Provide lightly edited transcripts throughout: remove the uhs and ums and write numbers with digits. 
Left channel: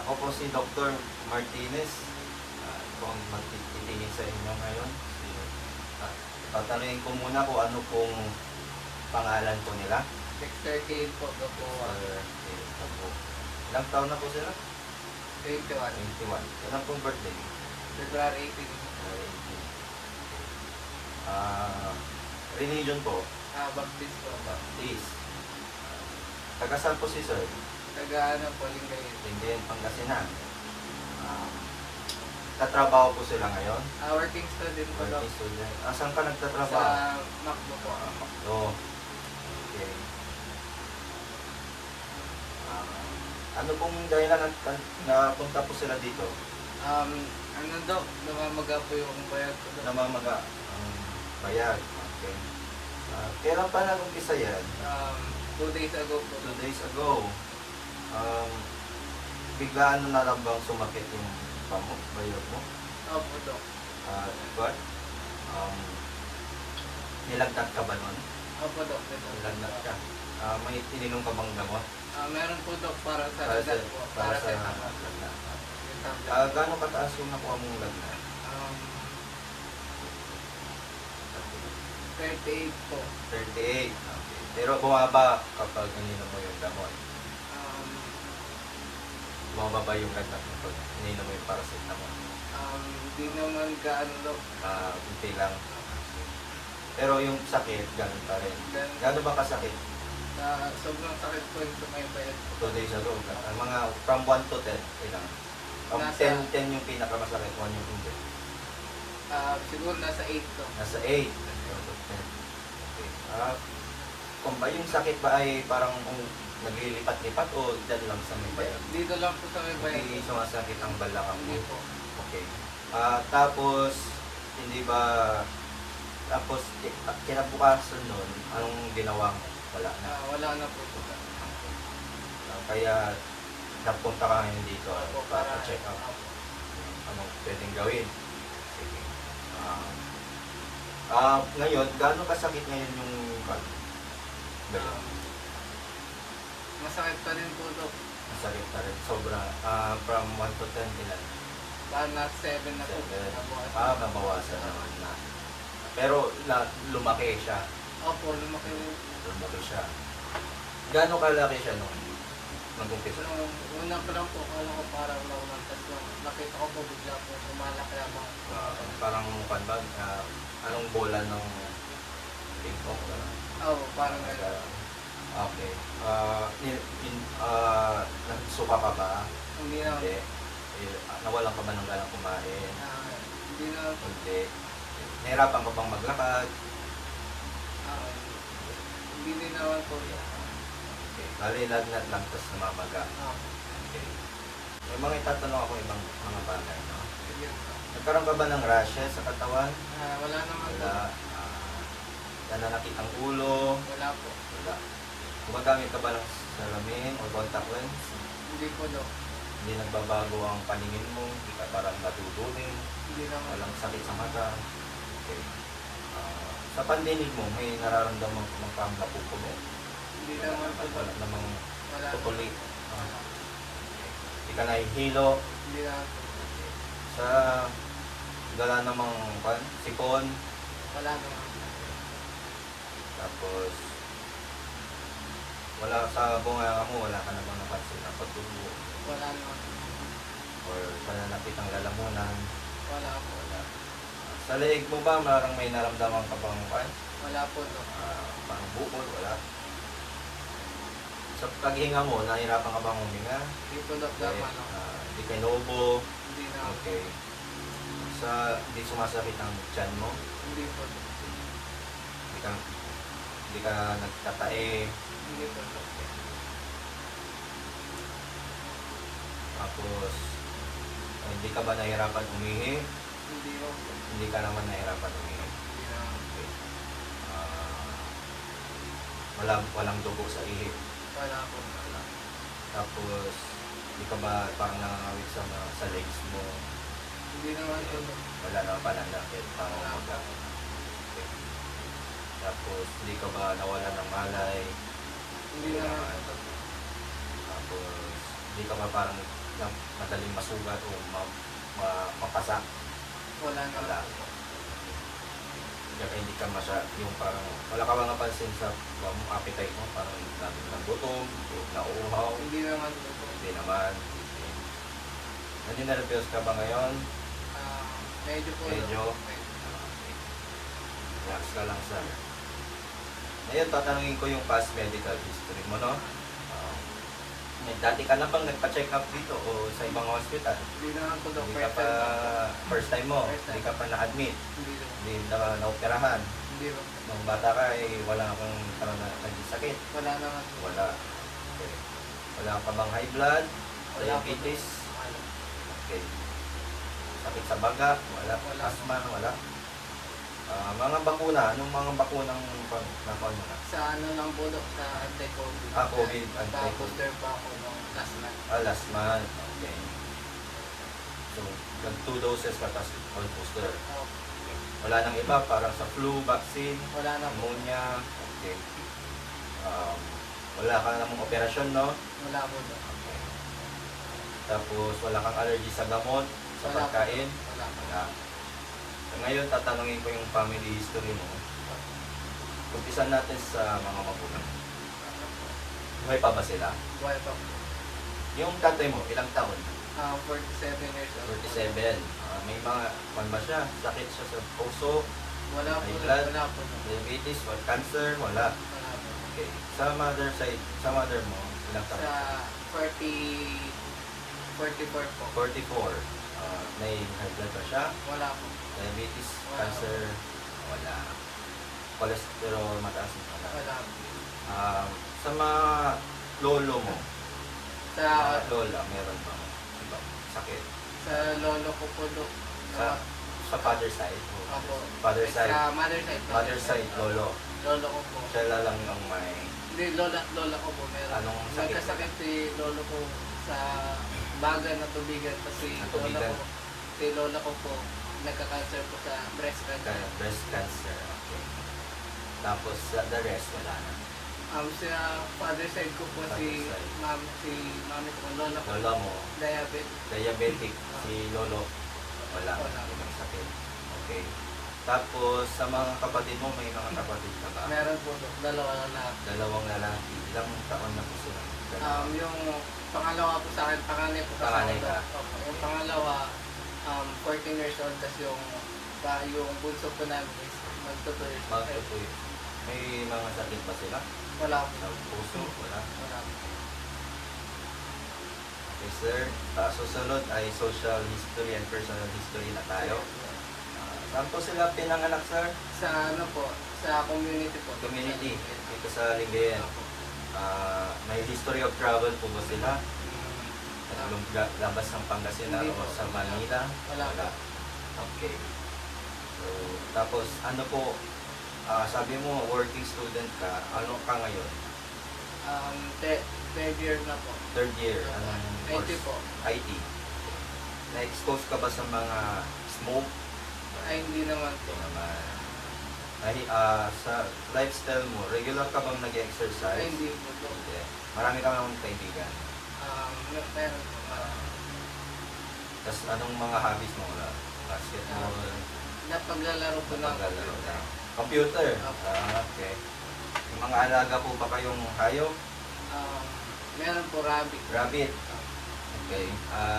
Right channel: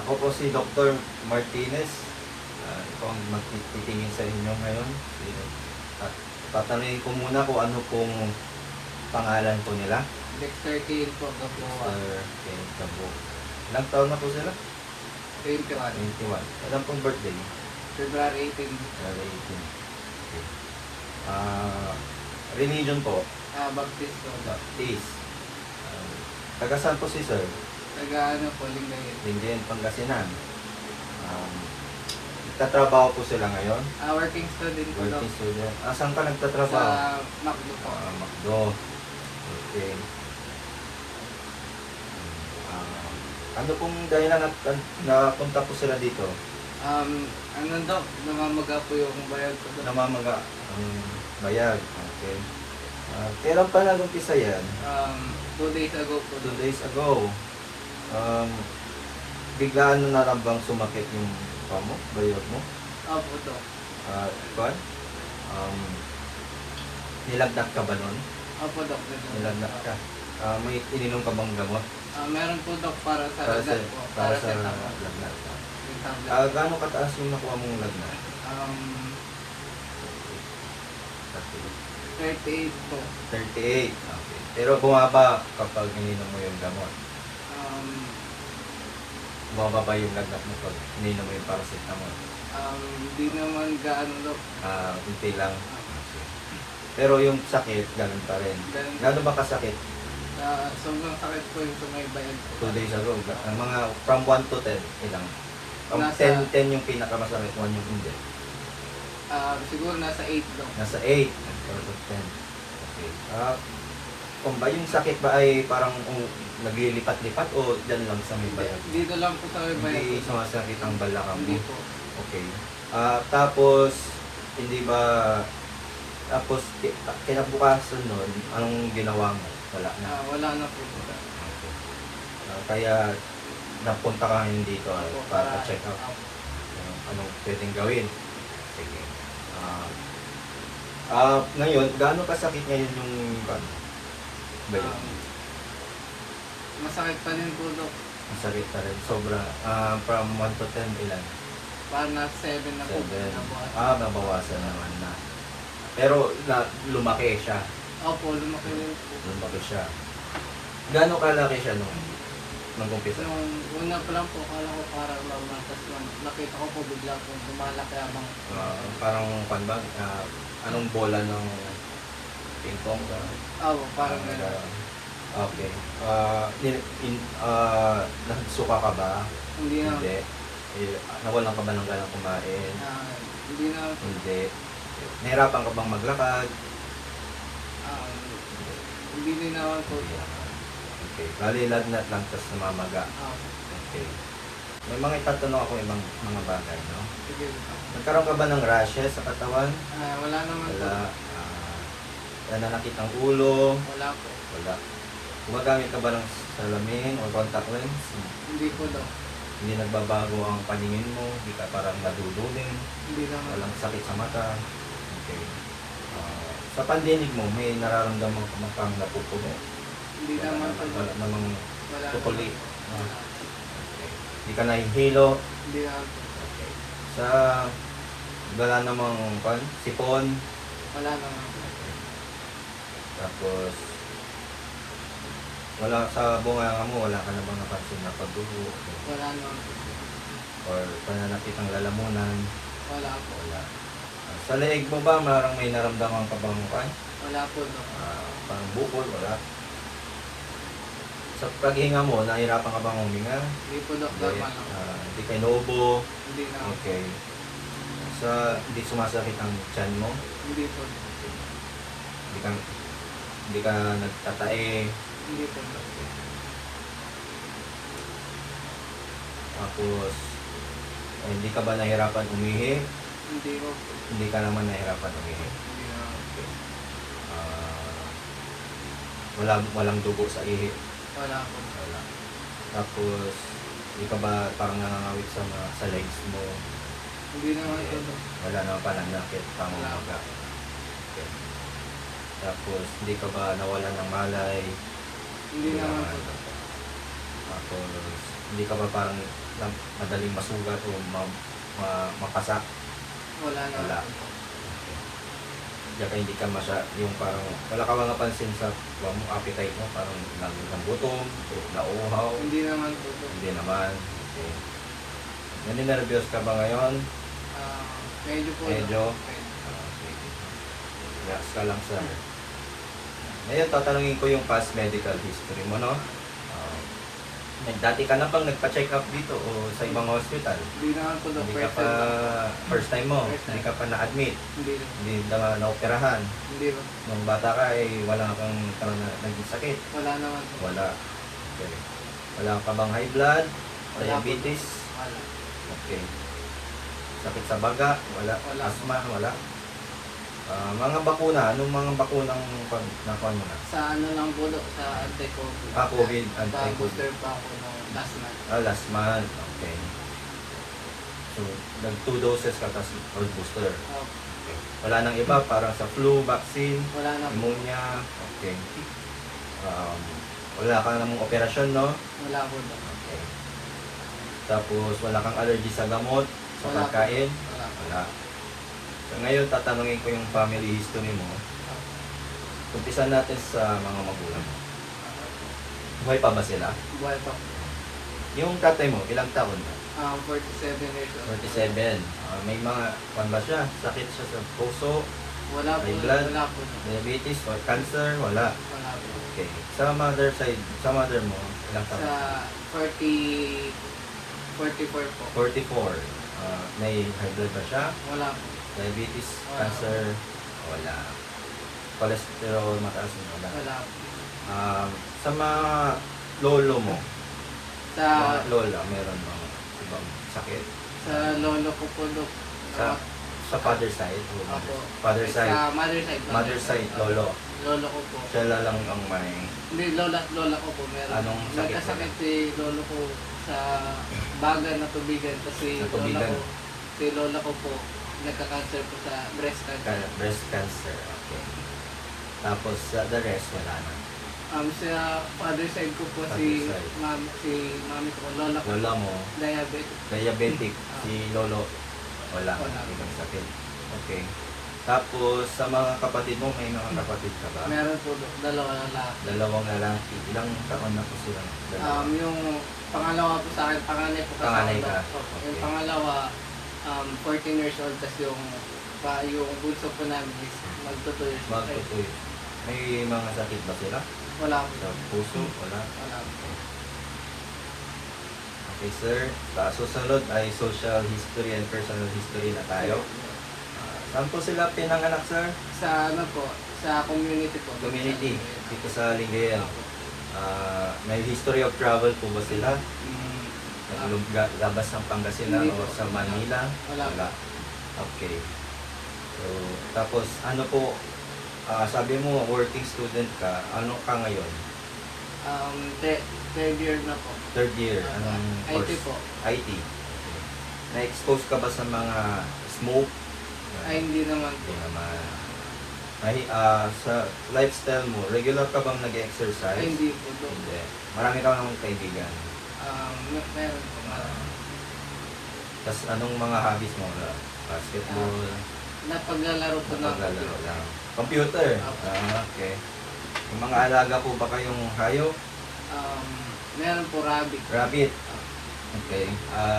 Ako po si Dr. Martinez. Ako ang magtitingin sa inyo ngayon. At tatanungin ko muna kung ano pong pangalan po nila. Next 38 po na po. Sir Cabo. Ilang taon na po sila? 21. 21. Ilang pong birthday? February 18. February 18. Okay. Religion po? Baptist po. Baptist. Taga saan po si Sir? Taga ano po, Lingayen. Lingayen, Pangasinan. Nagtatrabaho po sila ngayon? Working student po. Working student. Saan ka nagtatrabaho? Sa Macdo po. Macdo. Okay. Ano pong dahilan at napunta po sila dito? Ano daw, namamaga po yung bayad po. Namamaga ang bayad. Okay. Kailan pa nag-umpisa yan? 2 days ago po. 2 days ago. Biglaan na lang bang sumakit yung bayad mo? Opo, Dok. What? Nilagnat ka ba nun? Opo, Dok. Nilagnat ka. May ininom ka bang gamot? Meron po, Dok, para sa lagnat po. Para sa Paracetamol. lagnat. Paracetamol. Gaano kataas yung nakuha mong lagnat? 38 po. 38. Okay. Pero bumaba kapag ininom mo yung gamot. Bumaba ba yung lagnat mo pag ininom mo yung paracetamol? Hindi naman gaano, Dok. Hindi lang. Pero yung sakit, ganun pa rin. Gano'n ba kasakit? Sobrang sakit po yung sumaybayan po. 2 days ago. Mga from 1 to 10, ilang? From Nasa- 10 yung pinakamasakit, 1 yung hindi. Siguro nasa 8, Dok. Nasa 8 out of 10. Okay. Kung ba yung sakit ba ay parang naglilipat-lipat o dyan lang sa may bayan? Dito lang po sa may Hindi bayan. sumasakit ang balakang Hindi mo? po. Okay. Tapos, hindi ba, tapos kinabukasan nun, anong ginawa mo? Wala na. Wala na po. Kaya napunta ka rin dito Opo, para check up anong pwedeng gawin. Sige. Ngayon, gaano kasakit ngayon yung bayo? Masakit pa rin po, Dok. Masakit pa rin. Sobra. From 1 to 10, ilan? Parang nasa 7 na po. 7. Mabawasan naman na. Pero lumaki siya. Opo, lumaki rin. Lumaki siya. Gaano kalaki siya nung umpisa? Nung una pa lang po, kala ko parang mamatas lang. Nakita ko po biglang po sumalak lamang. Parang panbag, anong bola ng ping-pong? Oo, parang gano'n. Okay. Nagsuka ka ba? Hindi na. Hindi. Nawalan ka ba ng ganang kumain? Hindi na. Hindi. Nahirapan ka bang maglakad? Hindi din naman po. Okay. Bali, lagnat lang, tapos namamaga. Okay. May mga itatanong ako ibang mga bagay, no? Sige. Nagkaroon ka ba ng rashes sa katawan? Wala naman po. Wala. Nananakit ang ulo? Wala po. Wala. Gumagamit ka ba ng salamin o contact lens? Hindi po, Dok. Hindi nagbabago ang paningin mo? Hindi ka parang naduduling? Hindi naman. Walang sakit sa mata? Okay. Sa pandinig mo, may nararamdaman ka bang kang napupuno? Hindi naman po. Wala namang Wala. tutuli? Wala. Hindi ka nahihilo? Hindi naman. Okay. Sa wala namang sipon? Wala naman. Tapos wala sa bunganga mo, wala ka na bang napansin na pagdugo? Wala naman. Or pananakit ang lalamunan? Wala po. Wala. Sa leeg mo ba, marang may naramdaman ka bang Wala po, Dok. parang bukol? Wala. Sa paghinga mo, nahirapan ka bang huminga? Hindi po, Dok. Normal lang. Hindi ka inuubo? Hindi na. Okay. Hindi sumasakit ang tiyan mo? Hindi po. Hindi ka nagtatae? Hindi po, Dok. Tapos, hindi ka ba nahirapan umihi? Hindi po. Hindi ka naman nahirapan umihi. Hindi naman. Okay. Walang dugo sa ihi? Wala po. Wala. Tapos, hindi ka ba parang nangangawit sa legs mo? Hindi naman po, Dok. Wala naman pananakit, pangamaga. Okay. Tapos, hindi ka ba nawalan ng malay? Hindi naman po. Tapos, hindi ka ba parang na madaling masugat o makasak? Wala na. Wala. Kaya hindi ka yung parang wala ka mga pansin sa appetite mo, parang nagutom o nauuhaw? Hindi naman po. Hindi naman. Okay. Naninervyos ka ba ngayon? Medyo po. Medyo? Okay. Relax ka lang, sir. Ngayon, tatanungin ko yung past medical history mo, no? Dati ka na bang nagpa-check up dito o sa ibang hospital? Hindi naman po na Hindi ka pa, first time mo, hindi ka pa na-admit, Hindi. hindi na na-operahan. Hindi. Nung bata ka, wala kang naging sakit. Wala naman. Wala. Okay. Wala ka bang high blood? Wala. Diabetes? Wala. Okay. Sakit sa baga? Wala. Wala. Asthma? Wala. Mga bakuna, anong mga bakunang nakuha mo na? Sa ano lang po, sa anti-COVID. COVID, anti-COVID. Booster pa ako nung last month. Last month. Okay. So, nag 2 doses ka tapos or booster. Okay. Wala nang iba, parang sa flu, vaccine, Wala na po. pneumonia. Okay. Wala ka namang operasyon, no? Wala po. Okay. Tapos, wala kang allergy sa gamot, sa Wala. pagkain? Wala. Wala. So, ngayon, tatanungin ko yung family history mo. Umpisan natin sa mga magulang mo. Buhay pa ba sila? Buhay pa po. Yung tatay mo, ilang taon na? 47 years old. 47. May mga, ba siya? Sakit siya sa puso, Wala po. High blood? Wala po. diabetes, or cancer? Wala. Wala po. Okay. Sa mother side, sa mother mo, ilang taon? Sa 44 po. 44. May high blood ba siya? Wala po. Diabetes, cancer? Wala. Cholesterol, mataas? Wala. Wala po. Sa mga lolo mo, Sa mga lola, meron mga ibang sakit? lolo ko po Sa father side? o Apo. Father side? Sa mother side. Mother side, lolo. Lolo ko po. Siya lang ang may... Hindi, lola ko po. Meron. Anong sakit? Nagkasakit si lolo ko sa baga na tubigan. Kasi Natubigan. si lola ko po, nagka-cancer po sa breast cancer. Breast cancer, okay. Tapos the rest, wala na. Sa father side ko po si Father side. mami ko, lola ko, Lola mo, diabetic. diabetic, si lolo, wala. Wala. Ibang sakit. Okay. Tapos sa mga kapatid mo, may mga kapatid ka ba? Meron po dalawa na. Dalawang lalaki. Ilang taon na po sila? Dalawa. Yung pangalawa po sa akin, panganay po sa Panganay akin. ka? Opo. Yung Okay. pangalawa, 14 years old, tapos yung bunso po namin is magtuto years old. Magtutoy. May mga sakit ba sila? Wala po. Sa puso? Wala. Wala po. Okay, sir. Susunod ay social history and personal history na tayo. Saan po sila pinanganak, sir? Sa ano po, sa community po. Community, dito sa Lingayen. May history of travel po ba sila? Labas ng Pangasinan Hindi o po. sa Manila? Wala. Okay. So, tapos ano po, sabi mo working student ka, ano ka ngayon? Third year na po. Third year, anong IT course? po. IT. Na-expose ka ba sa mga smoke? Ay, hindi naman po. Hindi naman. Sa lifestyle mo, regular ka bang nag-exercise? Ay, hindi po. Hindi. Marami ka bang kaibigan? Meron po. Tapos anong mga hobbies mo? Basketball? Napaglalaro po ng Paglalaro lang. Computer? Opo. Okay. Yung mga alaga po ba kayong hayop? Meron po rabbit. Rabbit? Okay.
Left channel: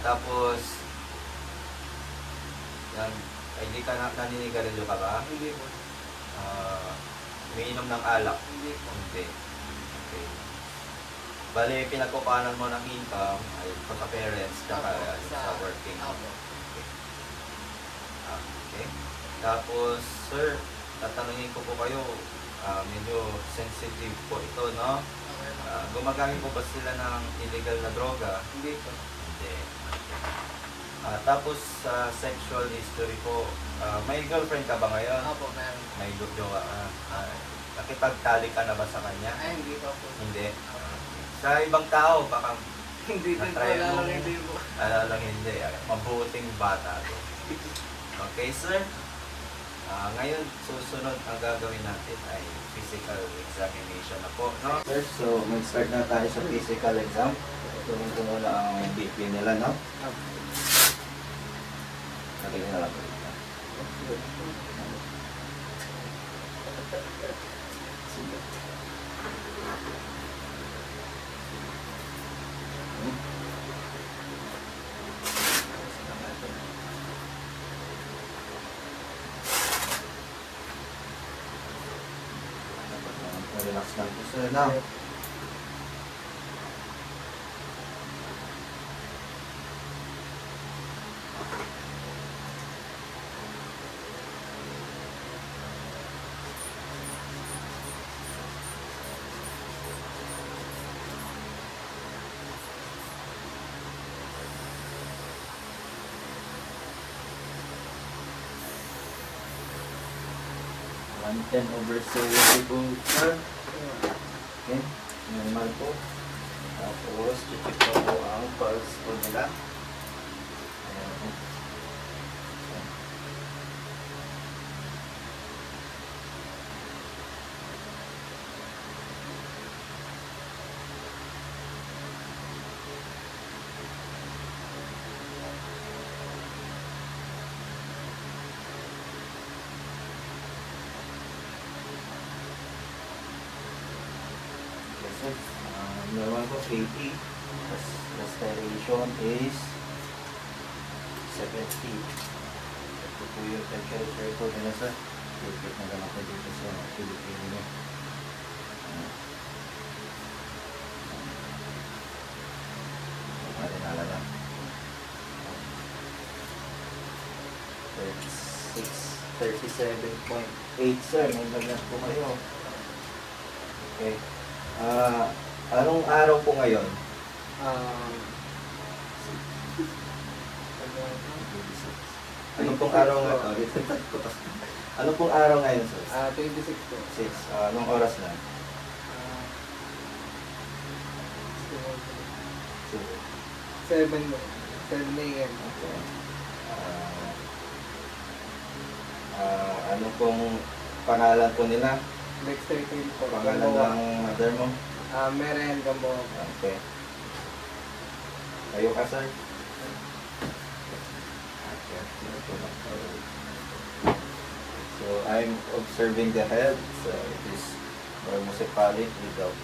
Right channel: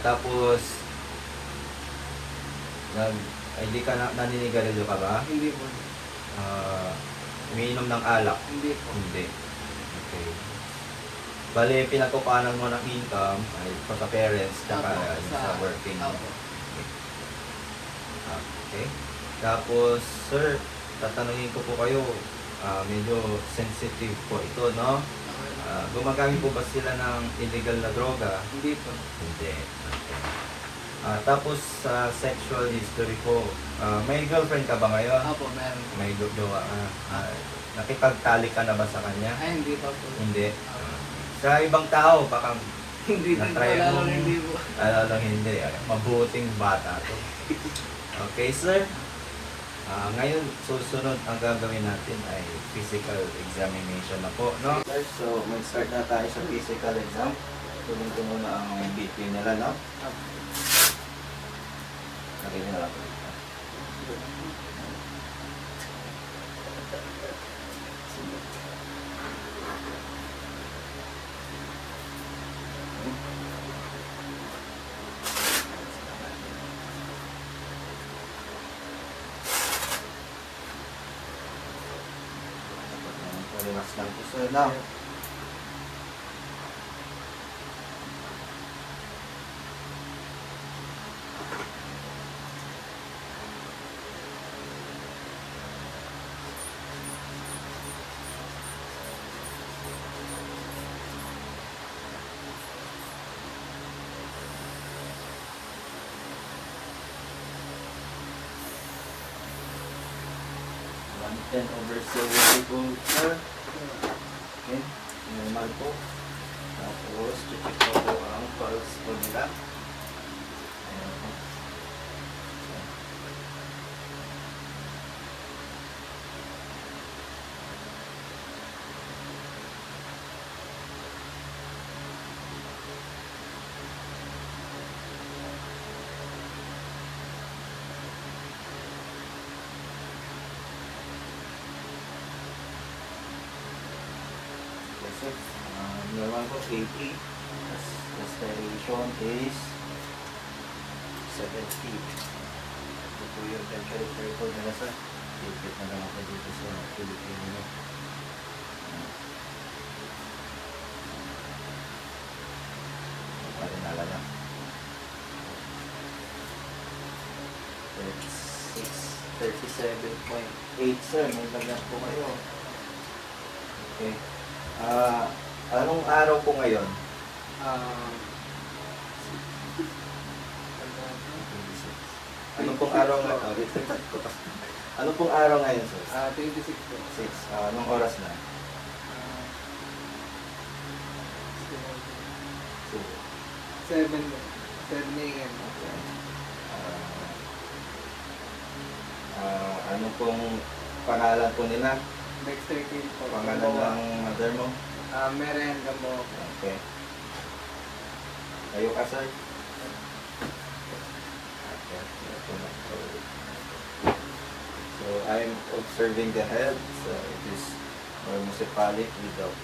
Tapos, ay di ka naninigarilyo ka ba? Hindi po. Umiinom ng alak? Hindi po. Hindi. Okay. Bale, pinagkupanan mo ng income ay pa sa parents tsaka Opo, sa working. Opo. Okay. Tapos, sir, tatanungin ko po kayo, medyo sensitive po ito, no? Okay. Gumagamit po ba sila ng illegal na droga? Hindi po. Hindi. Tapos, sa sexual history po, may girlfriend ka ba ngayon? Opo, meron po. May jowa ka? Nakipagtali ka na ba sa kanya? Ay, hindi pa po. Hindi. Sa ibang tao, baka Hindi po. Na-try Wala mo? lang, hindi po. lang hindi. Mabuting bata to. Okay, sir. Ngayon, susunod ang gagawin natin ay physical examination na po, no? So, mag-start na tayo sa physical exam. Tunong-tuno na ang BP Check nila, no? Opo. Lagay nyo lang. Relax lang po sir na. One ten over 70 po sir. Okay, normal po. Tapos, check po ang pulse po nila. Ayan. Kasi, naman po 80. Respiration is 70. Ito po yung temperature po nila sir. Lipit na lang ako dito sa Pilipino. Pwede na lang. 37.8 sir. May lagat po kayo. Okay. Anong araw po ngayon? Ano pong araw na ito? Ano pong araw ngayon sir? 26 po. 6. Anong oras na? 7 a.m. Ano pong pangalan po nila? Next 13 po. Pangalan ng mother mo? Merayan Gambo. Okay. Kayo ka sir? So I'm observing the head. So it is monocephalic without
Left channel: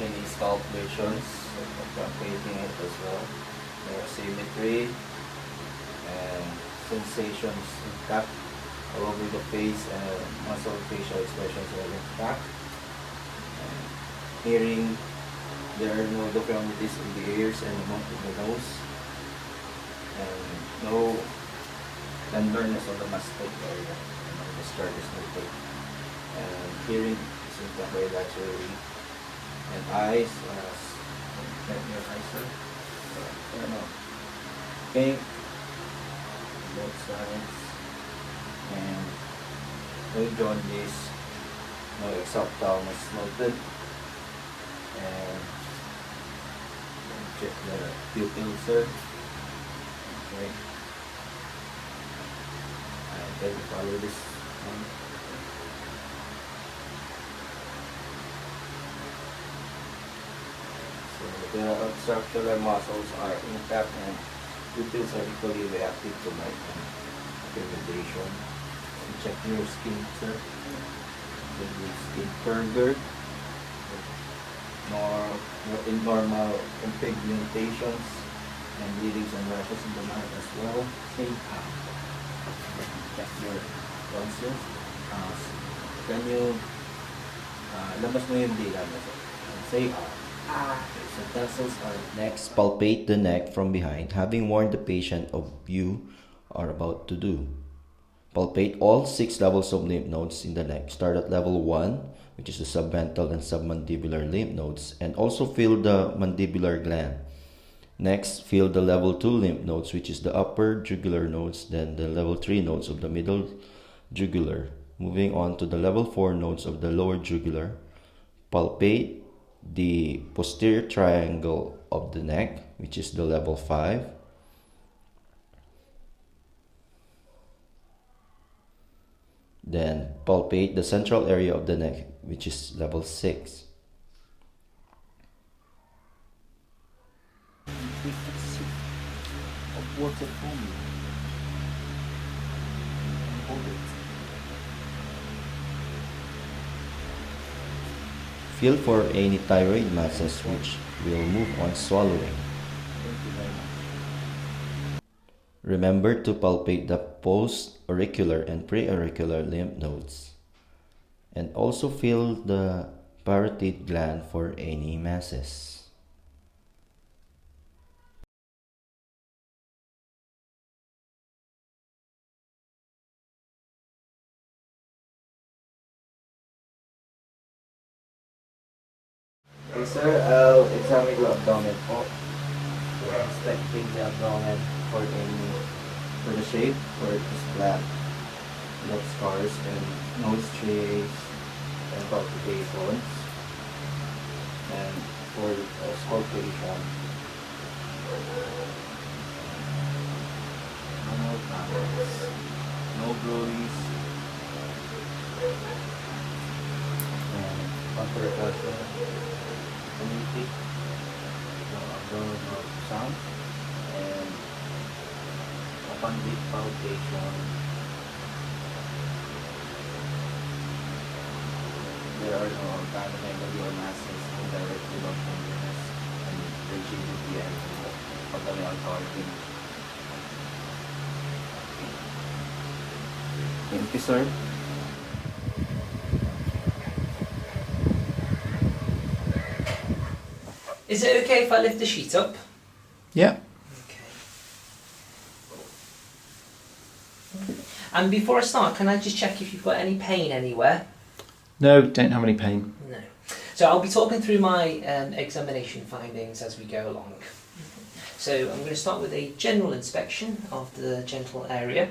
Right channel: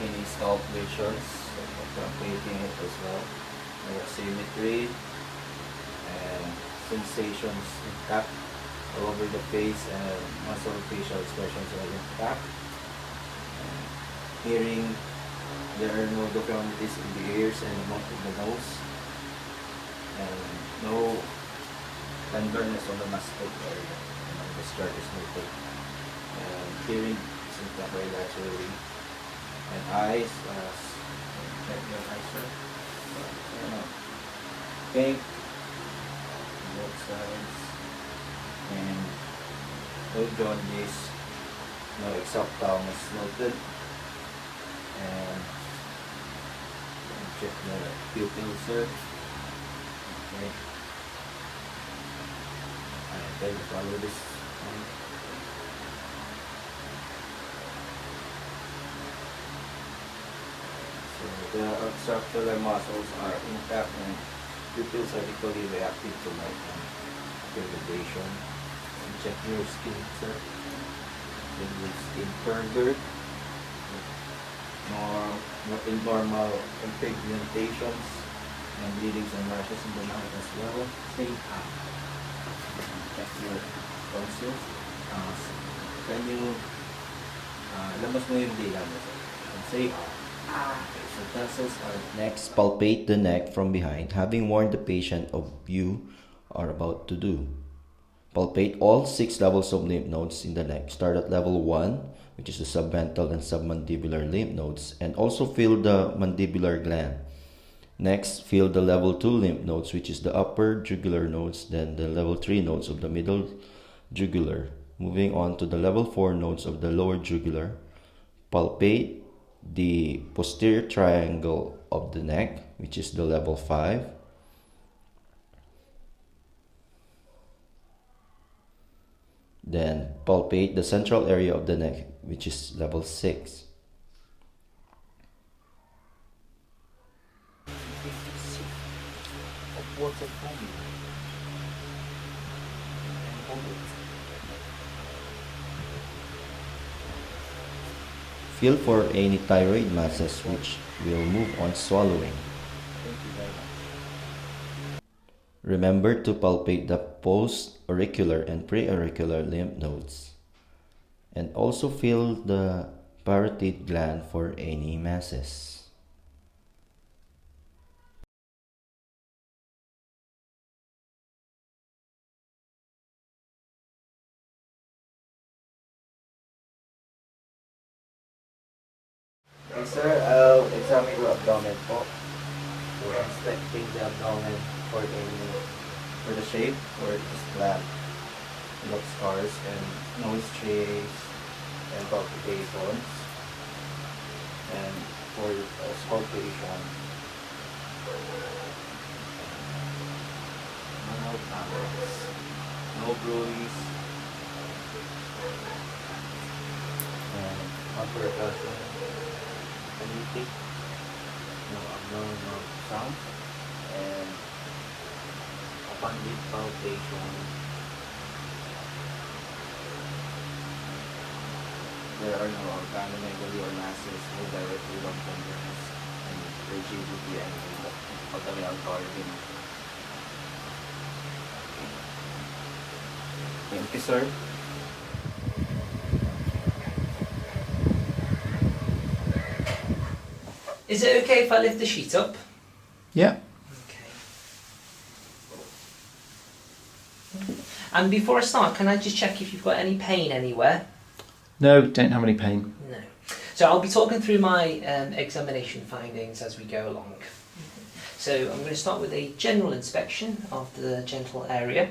any scalp lesions. So palpating it as well. May asymmetry and sensations intact all over the face and muscle facial expressions are intact. And hearing, there are no deformities in the ears and the nose. And no tenderness on the mastic area. And the skirt is noted. And hearing is intact very naturally. And eyes, check your eyes, sir. Pink, both sides. And no jaundice, no exophthalmos noted. And check the pupil, sir. Okay. I'll try to follow this. So the structural muscles are intact and pupils are equally reactive to light and pigmentation. And check your skin, sir. Check your skin further. More abnormal pigmentations and bleedings and rashes in the mouth as well. Say check your tonsils. Can you labas mo yung dila mo, sir? And say so tonsils are... Next, palpate the neck from behind, having warned the patient of you are about to do. Palpate all 6 levels of lymph nodes in the neck. Start at level 1, which is the submental and submandibular lymph nodes, and also feel the mandibular gland. Next, feel the level 2 lymph nodes, which is the upper jugular nodes, then the level 3 nodes of the middle jugular. Moving on to the level 4 nodes of the lower jugular. Palpate the posterior triangle of the neck, which is the level 5. Then palpate the central area of the neck, which is level 6. sip of water for me. Hold it. Feel for any thyroid masses which will move on swallowing. Remember to palpate the post-auricular and pre-auricular lymph nodes. And also feel the parotid gland for any masses. Okay, sir, I'll examine the abdomen po. We're inspecting the abdomen for the shape, or just black look scars and nose trays and palpitations, and for scalpulation. No panels, no bruise, and upper portion. Anything, no abnormal sound, and upon deep palpation, there are no organomegaly or masses indirectly of tenderness and rigidity of the real organ. Thank you, sir. Is it okay if I lift the sheet up? Yeah. Okay. And before I start, can I just check if you've got any pain anywhere? No, don't have any pain. No. So I'll be talking through my examination findings as we go along. So I'm going to start with a general inspection of the genital area.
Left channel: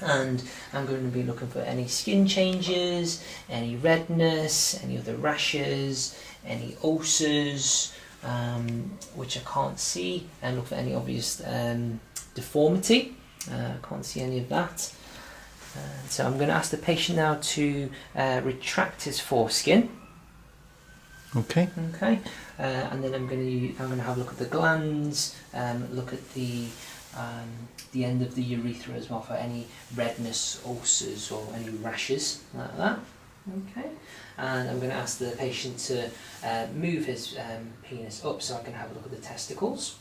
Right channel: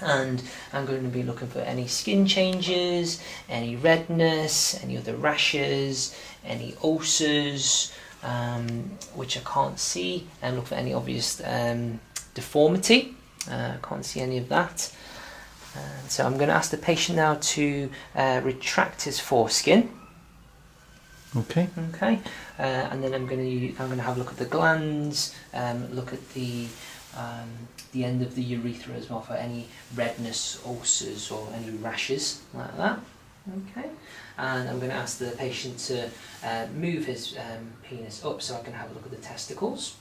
And I'm going to be looking for any skin changes, any redness, any other rashes, any ulcers, which I can't see, and look for any obvious deformity. I can't see any of that. So I'm going to ask the patient now to retract his foreskin. Okay. Okay, and then I'm going to have a look at the glands, look at the end of the urethra as well for any redness, ulcers, or any rashes like that. Okay, and I'm going to ask the patient to move his penis up so I can have a look at the testicles.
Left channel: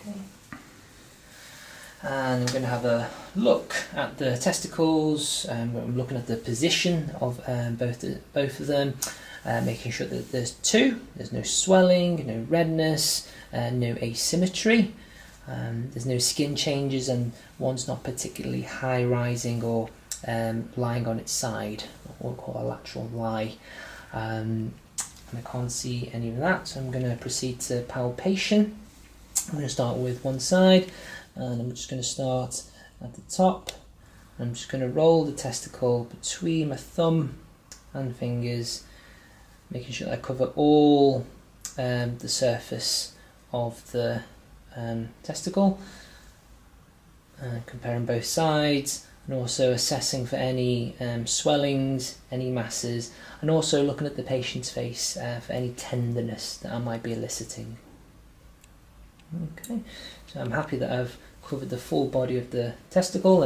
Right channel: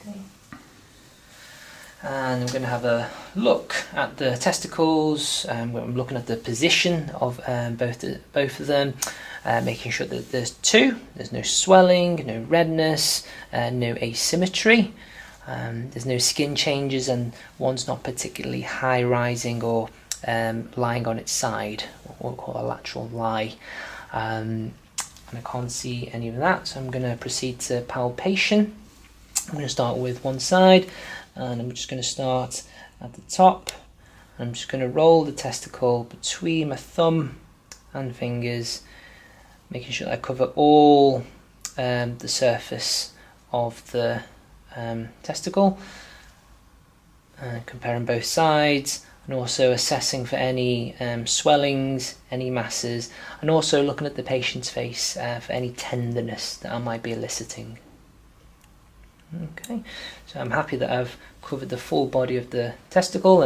Okay. And I'm going to have a look at the testicles. I'm looking at the position of both of them, making sure that there's no swelling, no redness, no asymmetry. There's no skin changes, and one's not particularly high rising or lying on its side, what we call a lateral lie. And I can't see any of that, so I'm going to proceed to palpation. I'm going to start with one side, and I'm just going to start at the top. I'm just going to roll the testicle between my thumb and fingers, making sure that I cover all the surface of the testicle, comparing both sides, and also assessing for any swellings, any masses, and also looking at the patient's face for any tenderness that I might be eliciting. Okay, so I'm happy that I've covered the full body of the testicle,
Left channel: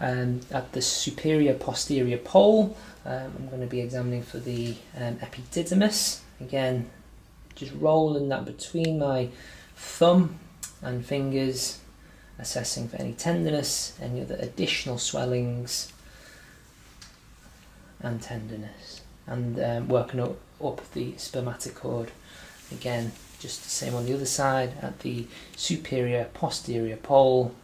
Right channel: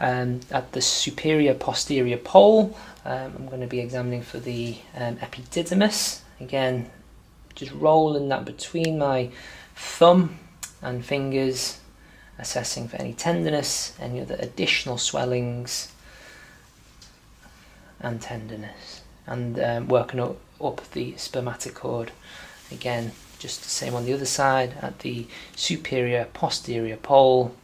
and at the superior posterior pole I'm going to be examining for the epididymis. Again, just rolling that between my thumb and fingers, assessing for any tenderness, any other additional swellings and tenderness, and working up the spermatocord. Again, just the same on the other side at the superior posterior pole,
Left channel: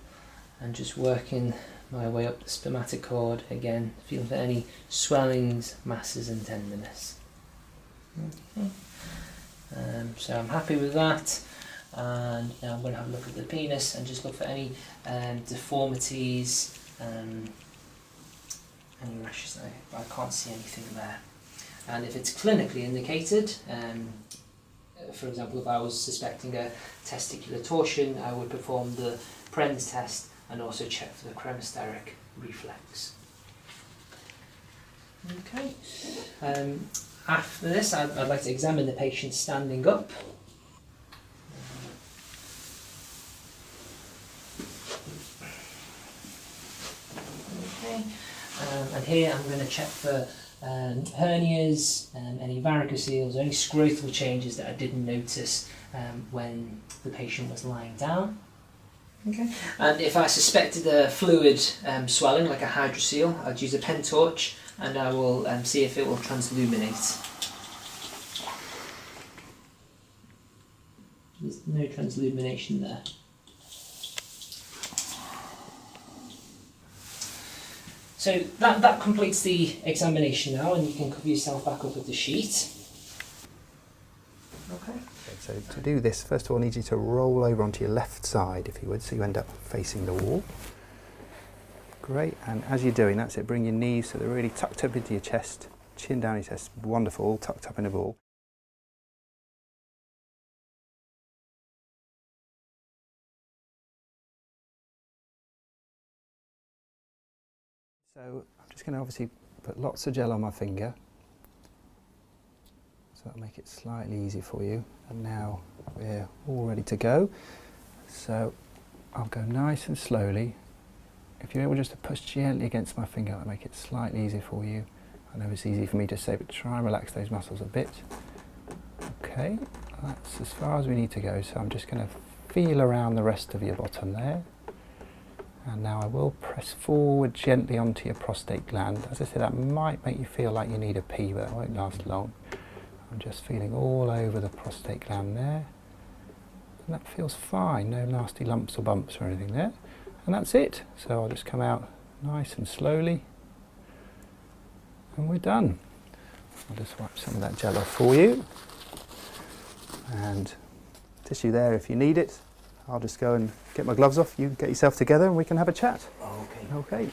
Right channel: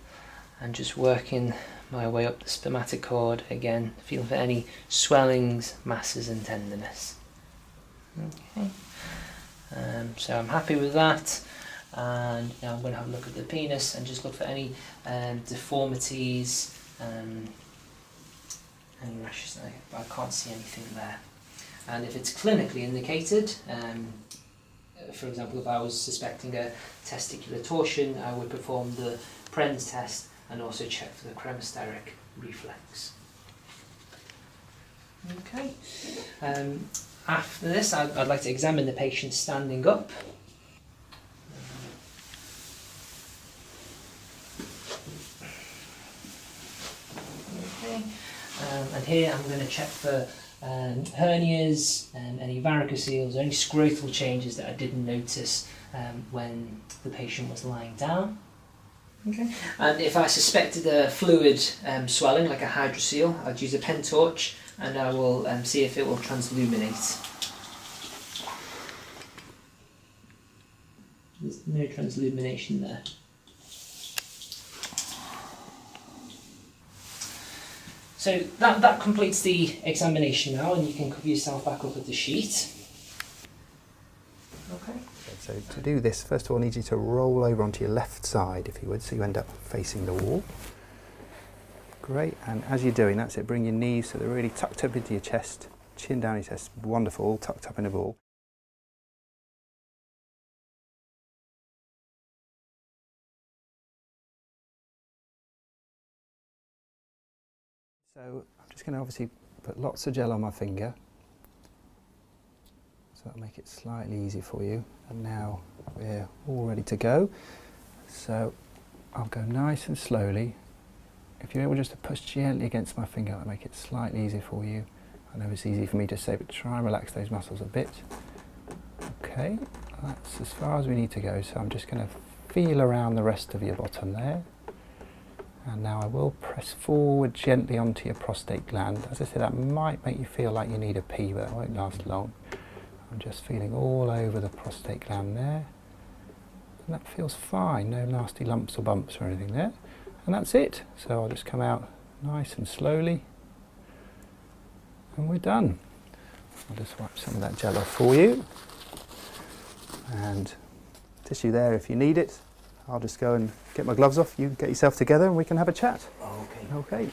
and just working my way up the spermatocord, again feeling for any swellings, masses and tenderness. Okay, so I'm happy with that. And now I'm going to have a look at the penis and just look for any deformities, any rashes. I can't see anything there. And if it's clinically indicated, for example, if I was suspecting a testicular torsion, I would perform the Pren's test and also check for the cremasteric reflex. Okay. After this, I'd like to examine the patient standing up. here I'm going to check for hernias, any varicoceles, or any scrotal changes that I didn't notice when the patient was lying down. Okay. And if I suspected a fluid swelling, like a hydrocele, I'd use a pen torch and I will see if it will transluminate. There's no translumination there. So that completes the examination now, and you can cover yourself back up with the sheet. Okay. So to do this, first of all, I need you to roll over onto your left side, if you would, so you end up facing the wall. Great, and as you're doing, that's it, bring your knees so they're really tucked up into your chest, chin down your chest, wonderful, all tucked up in a ball. So I'm just going to obviously put lots of gel on my finger, so that'll make it slightly easier for you. And now we're all ready to go. So I'll go nice and slowly. If you're able just to push gently against my finger, that'll make it slightly easier for you. I know it's easy for me to say, but try and relax those muscles a bit. Okay, that's as far as we need to go. So I'm just going to feel around the rest of your bottom there. And now I will press forward gently onto your prostate gland. As I said, that might make you feel like you need a pee, but that won't last long. I'm just feeling all over the prostate gland there. And that feels fine, no nasty lumps or bumps or anything there. And that's it. So I'll just come out nice and slowly. And we're done. I'll just wipe some of that gel off for you. And tissue there if you need it. I'll just go and get my gloves off, you get yourself together and we can have a chat. Okay. Okay.